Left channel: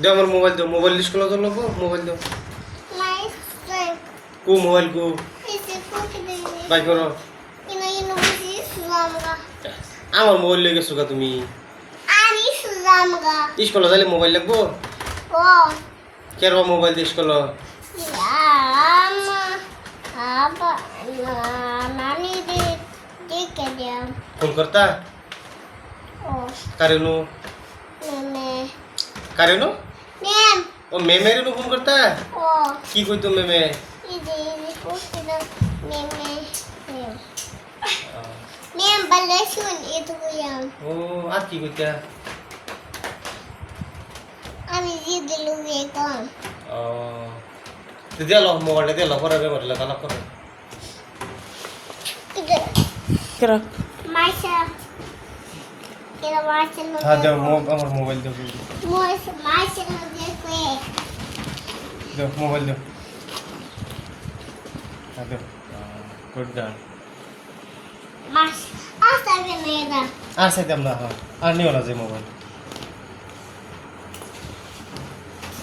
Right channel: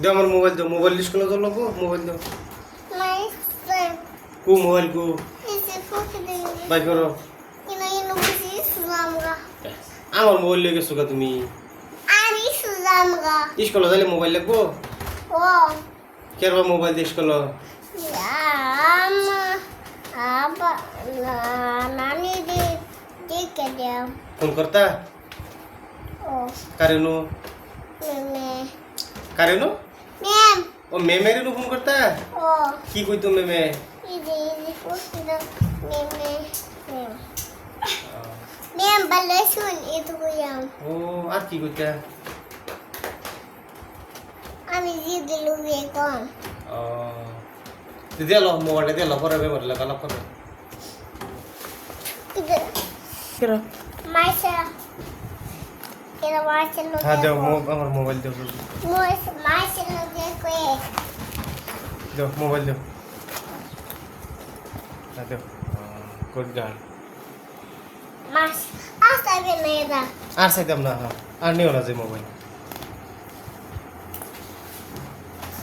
দে আমার মোবাইল দাও, মোবাইল স্কুলে তো লোক মোবাইল দাও। কো মোবাইল কো বাই করো। আমার মোবাইল লেগে গেছো তুমি স্কুলে যাইলে মোবাইল লাগবো কেন মোবাইল দিয়ে স্কুল ফোন করতা কারেনু কারেনু ও মেমেরে ফোন করতা কি কইতো মেমে ও আর কি কইতা আমি জিদ লুগে কোন ও দিদি লো মোবাইল দিয়ে লো পরে মেমে লাগালা পরে Kira. মাইসা কেরা মাইসা লুগে হ্যাঁ দাও আমার মোবাইল দাও মাইসা লুগে কই দাও মোবাইল দাও হ্যাঁ দাও গুড গার্ল মাস আসাবে মেদা আর সাইতাম না আর নিও না যে মোবাইল